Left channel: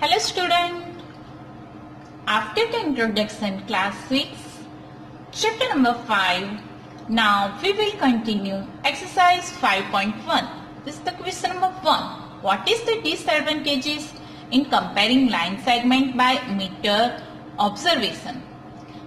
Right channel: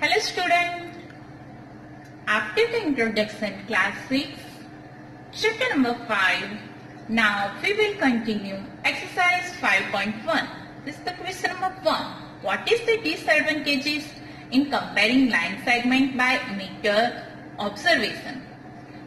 Hello student, after the introduction class 6, chapter number 5, now we will continue exercise 5.1. This is the question number 1. What is the disadvantages in comparing line segment by meter observation?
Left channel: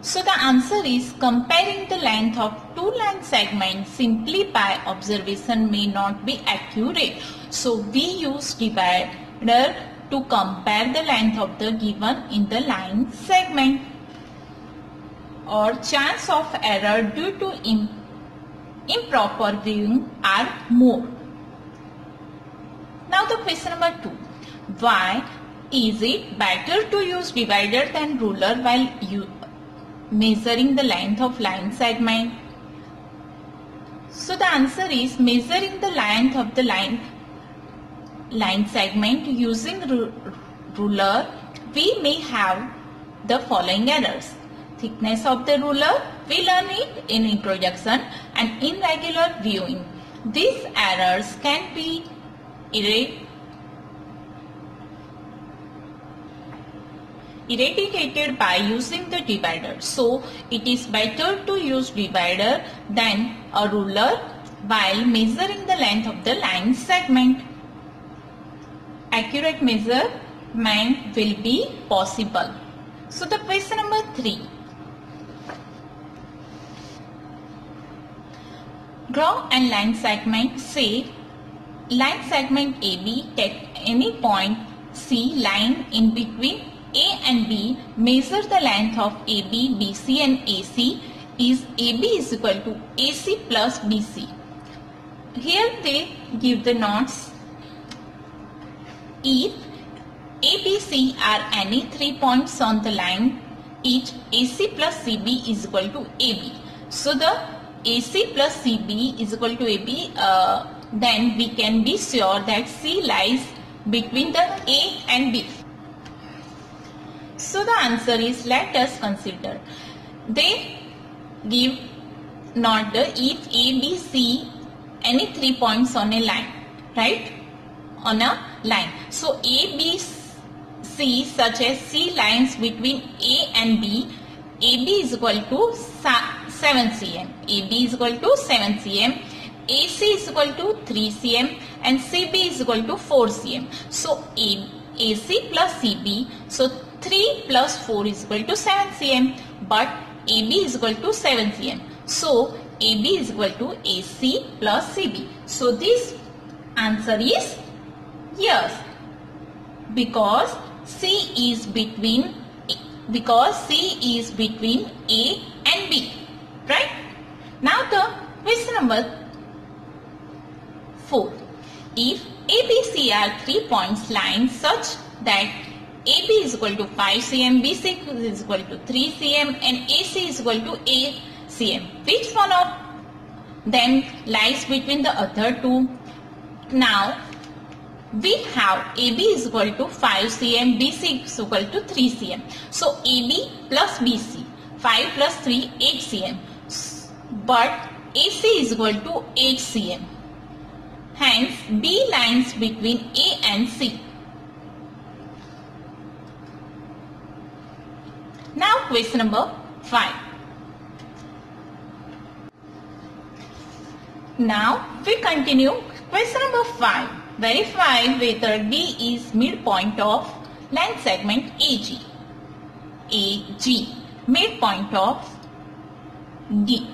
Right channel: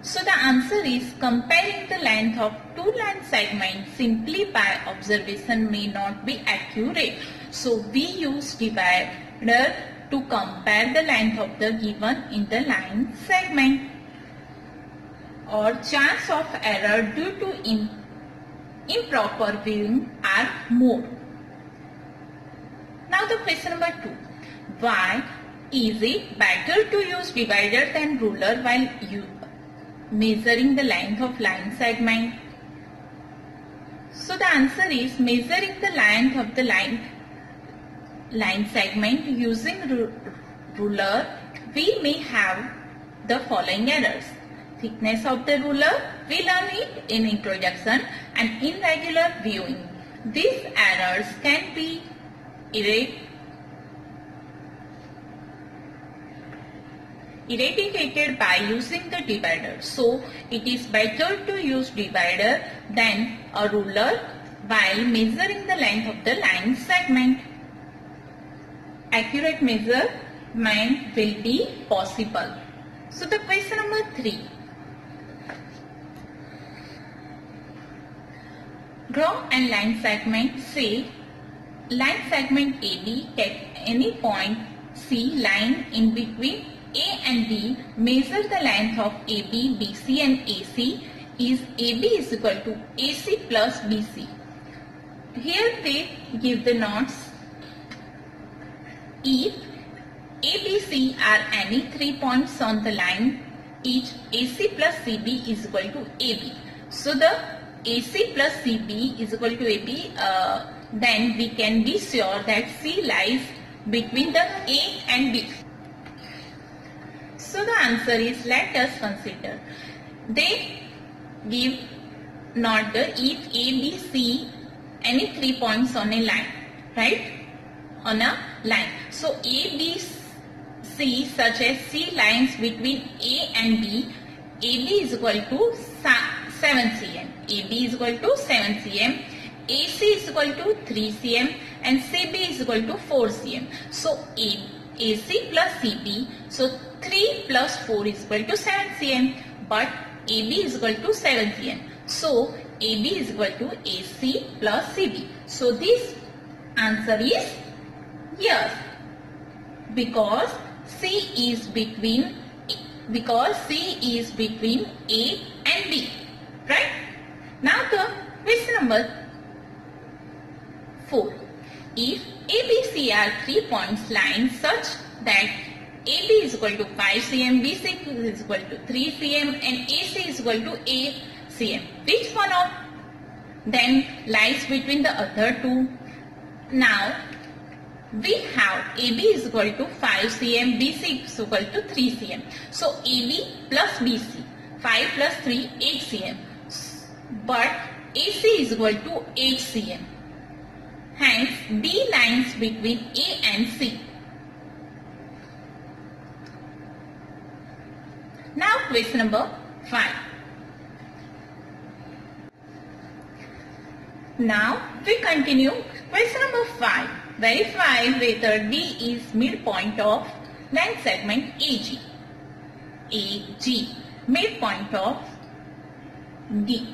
So the answer is comparing the length of two line segments simply by observation may not be accurate. So we use divider to compare the length of the given in the line segment, or chance of error due to improper viewing are more. Now the question number 2. Why is it better to use divider than ruler while measuring the length of line segment? So the answer is measuring the length of the line segment using ruler, we may have the following errors. Thickness of the ruler, we learn it in introduction, and irregular viewing. These errors can be eradicated by using the divider. So it is better to use divider than a ruler while measuring the length of the line segment. Accurate measurement will be possible. So the question number 3. Draw a line segment. Say line segment AB, take any point C line in between A and B. Measure the length of AB, BC and AC. Is AB is equal to AC plus BC. Here they give the notes. If ABC are any 3 points on the line, each AC plus CB is equal to AB. So the AC plus CB is equal to AB, then we can be sure that C lies between the A and B. So the answer is, let us consider. They give not the if ABC any 3 points on a line, right? On a line. So A, B, C such as C lines between A and B, AB is equal to 7 cm, AB is equal to 7 cm, AC is equal to 3 cm and CB is equal to 4 cm. So AC plus CB, so 3 plus 4 is equal to 7 cm, but AB is equal to 7 cm. So AB is equal to AC plus CB. So this answer is yes, because C is between A and B, right? Now the question number 4. If ABC are 3 points lines such that AB is equal to 5 cm, BC is equal to 3 cm and AC is equal to 8 cm, which one of them lies between the other two? Now we have AB is equal to 5 cm, BC is equal to 3 cm. So AB plus BC, 5 plus 3, 8 cm. But AC is equal to 8 cm. Hence, B lies between A and C. Now question number 5. Now we continue question number 5. Verify whether D is midpoint of line segment AG. AG, midpoint of D,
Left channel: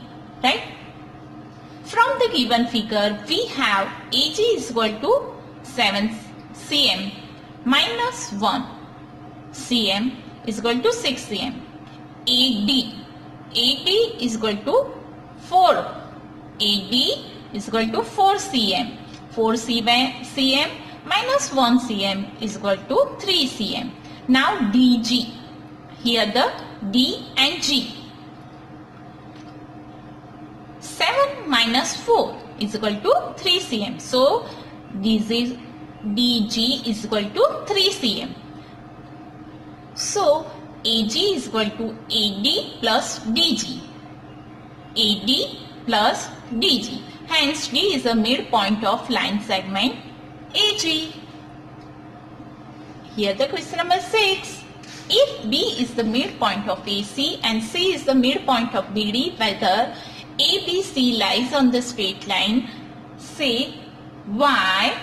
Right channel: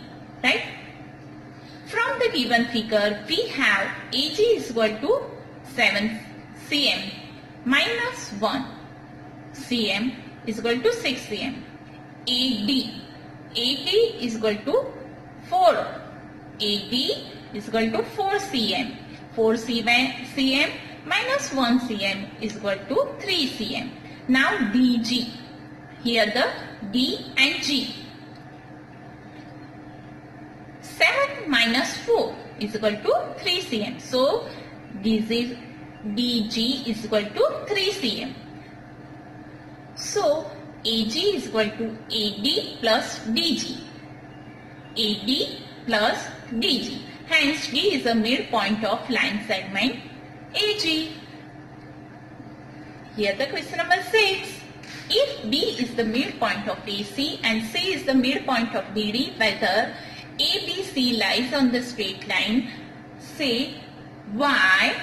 right? From the given figure, we have AG is equal to 7 cm minus 1 cm is equal to 6 cm. AD is equal to 4. AD is equal to 4 cm. 4 cm minus 1 cm is equal to 3 cm. Now DG, here the D and G. 7 minus 4 is equal to 3 cm. So DG is equal to 3 cm. So AG is equal to AD plus DG. AD plus DG. Hence D is the midpoint of line segment AG. Here the question number 6. If B is the midpoint of AC and C is the midpoint of BD, whether ABC lies on the straight line, say why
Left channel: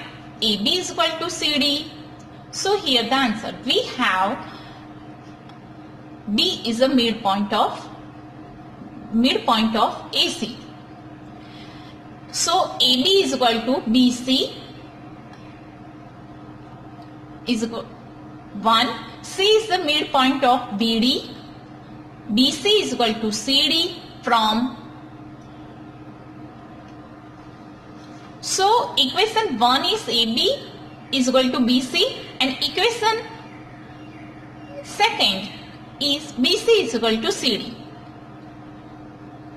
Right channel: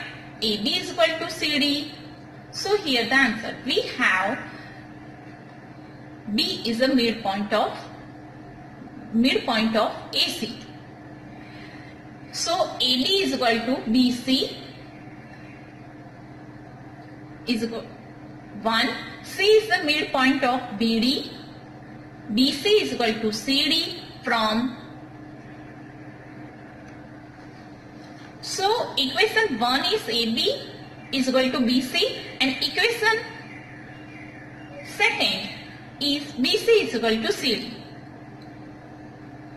AB is equal to CD. So here the answer, we have B is the midpoint of AC. So AB is equal to BC is equal 1. C is the midpoint of BD. BC is equal to CD from. So equation 1 is AB is equal to BC and equation second is BC is equal to CD.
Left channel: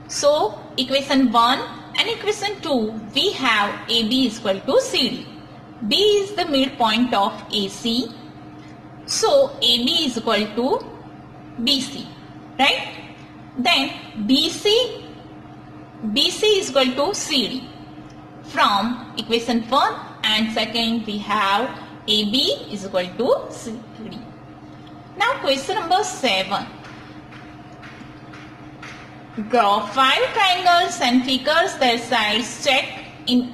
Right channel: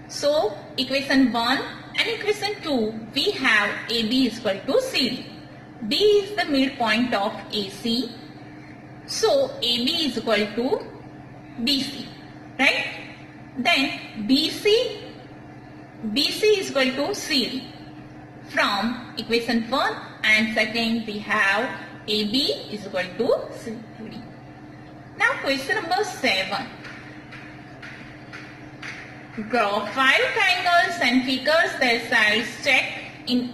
So equation 1 and equation 2 we have AB is equal to CD. B is the midpoint of AC. So AB is equal to BC, right? Then BC is equal to CD. From equation 1 and second we have AB is equal to CD. Now question number 7. Draw 5 triangles and figures their sides. Check in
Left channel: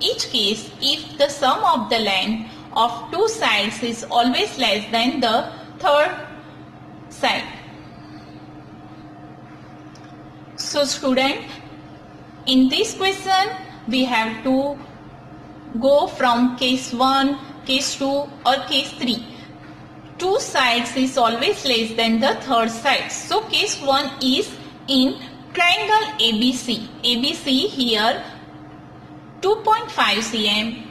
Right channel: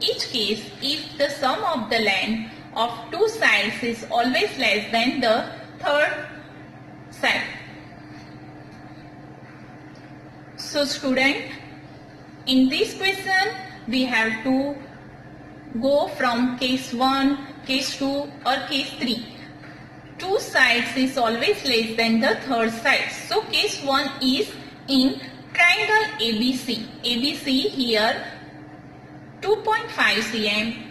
each case if the sum of the length of two sides is always less than the third side. So student, in this question we have to go from case 1, case 2 or case 3. Two sides is always less than the third side. So case 1 is in triangle ABC. ABC here 2.5 cm,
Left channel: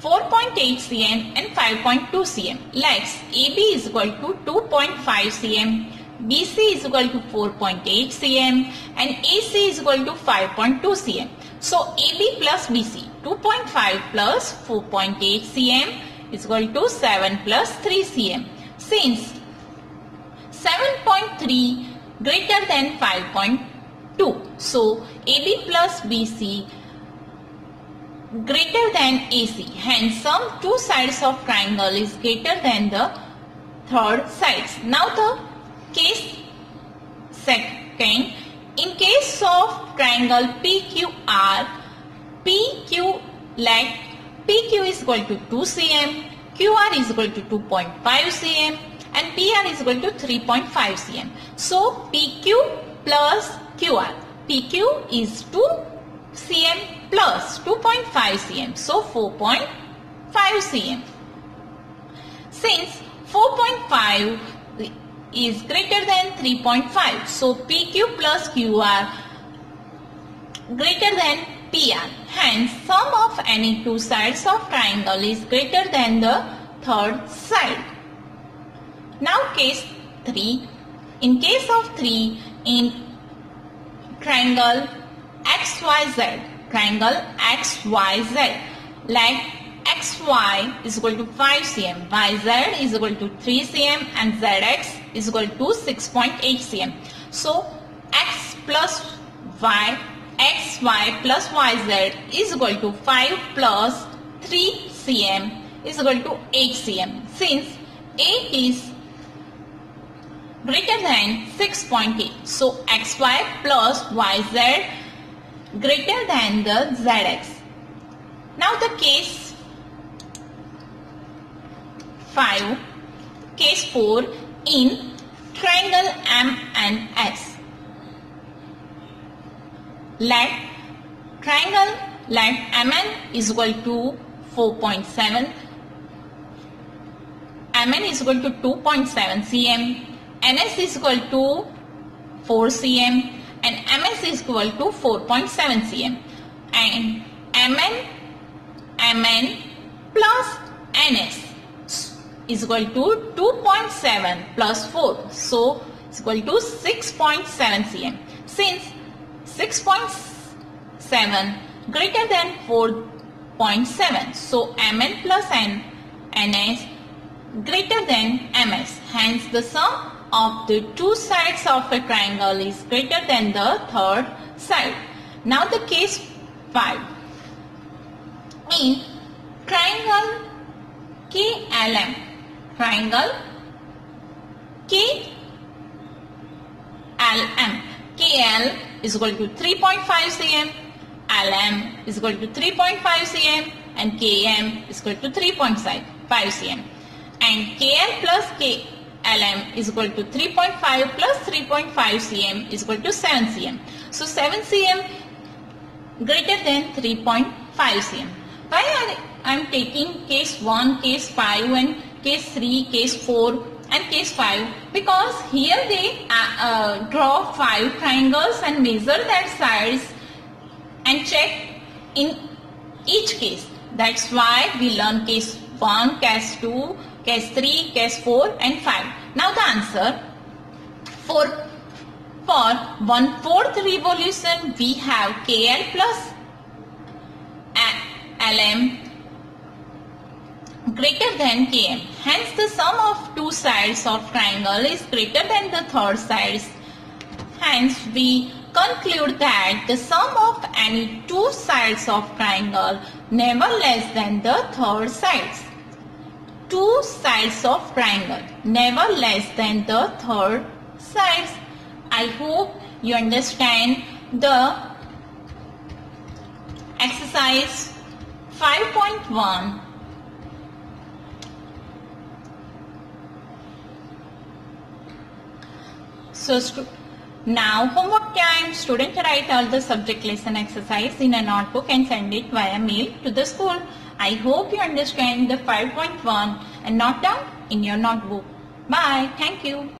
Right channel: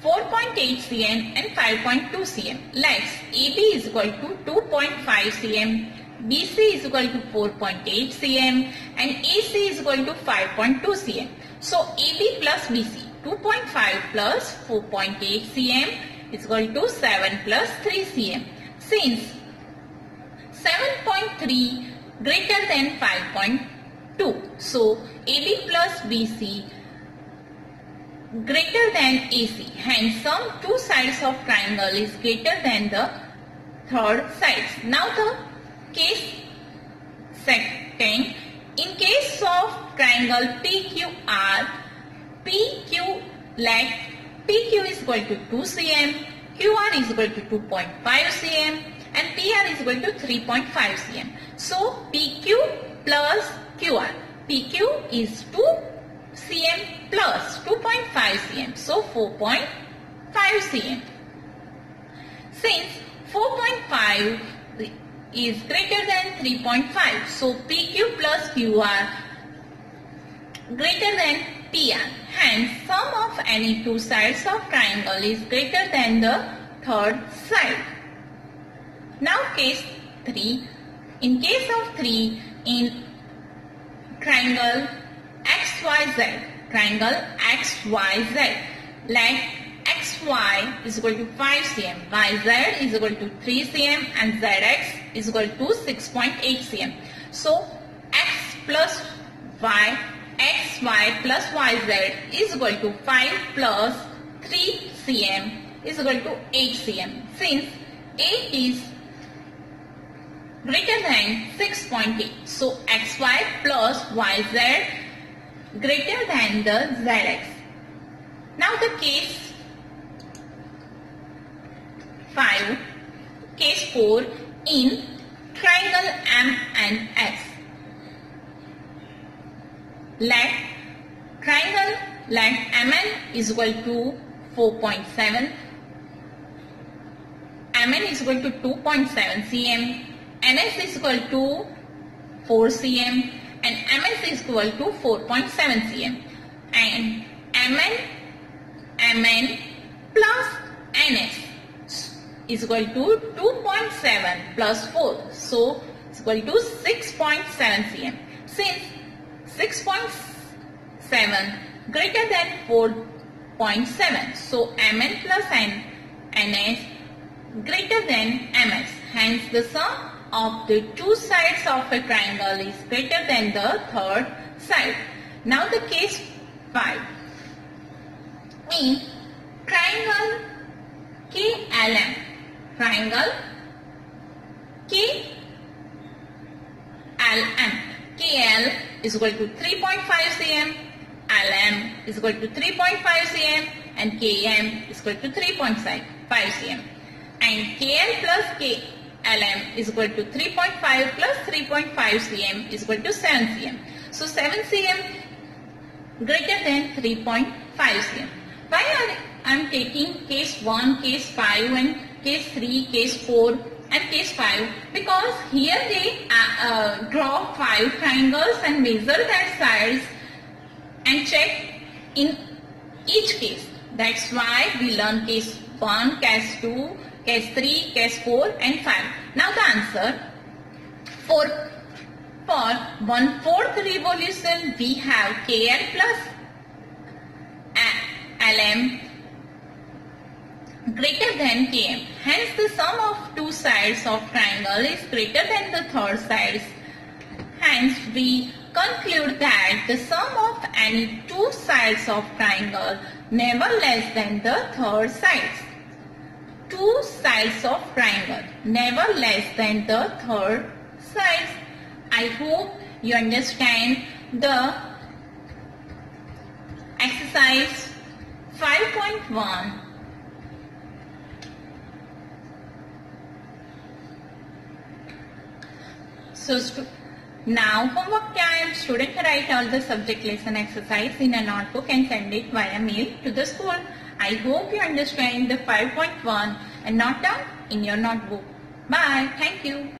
4.8 cm and 5.2 cm. Likes AB is equal to 2.5 cm, BC is equal to 4.8 cm and AC is equal to 5.2 cm. So AB plus BC 2.5 plus 4.8 cm is equal to 7 plus 3 cm. Since 7.3 greater than 5.2, so AB plus BC greater than AC. Hence, sum two sides of triangle is greater than the third sides. Now the case second. In case of triangle PQR, PQ let PQ is equal to 2 cm, QR is equal to 2.5 cm and PR is equal to 3.5 cm. So PQ plus QR. PQ is 2 cm plus 2.5 cm. So 4.5 cm. Since 4.5 is greater than 3.5, so PQ plus QR greater than PR. Hence, sum of any two sides of triangle is greater than the third side. Now case 3. In case of 3, in triangle XYZ, like XY is equal to 5 cm, YZ is equal to 3 cm and ZX is equal to 6.8 cm. So X plus Y, XY plus YZ is equal to 5 plus 3 cm is equal to 8 cm. Since 8 is greater than 6.8, so XY plus YZ greater than the ZX. Now the case 5, case 4 in triangle M and S. Let triangle length MN is equal to 4.7, MN is equal to 2.7 cm, NS is equal to 4 cm and MS is equal to 4.7 cm, and MN plus NS is equal to 2.7 plus 4, so it's equal to 6.7 cm. Since 6.7 greater than 4.7, so MN plus NS greater than MS. Hence, the sum of the two sides of a triangle is greater than the third side. Now the case 5. In triangle KLM. Triangle KLM. KL is equal to 3.5 cm. LM is equal to 3.5 cm. And KM is equal to 3.5 cm. And KL plus KLM is equal to 3.5 plus 3.5 cm is equal to 7 cm. So 7 cm greater than 3.5 cm. Why I am taking case 1, case 5 and case 3, case 4 and case 5? Because here they draw 5 triangles and measure their sides and check in each case. That's why we learn case 1, case 2, case 3, case 4 and 5. Now the answer for 1/4 revolution we have KL plus LM greater than KM. Hence the sum of two sides of triangle is greater than the third sides. Hence we conclude that the sum of any two sides of triangle never less than the third sides. Two sides of triangle never less than the third sides. I hope you understand the exercise 5.1. So now homework time. Student write all the subject lesson exercise in a notebook and send it via mail to the school. I hope you understand the 5.1 and note down in your notebook. Bye. Thank you.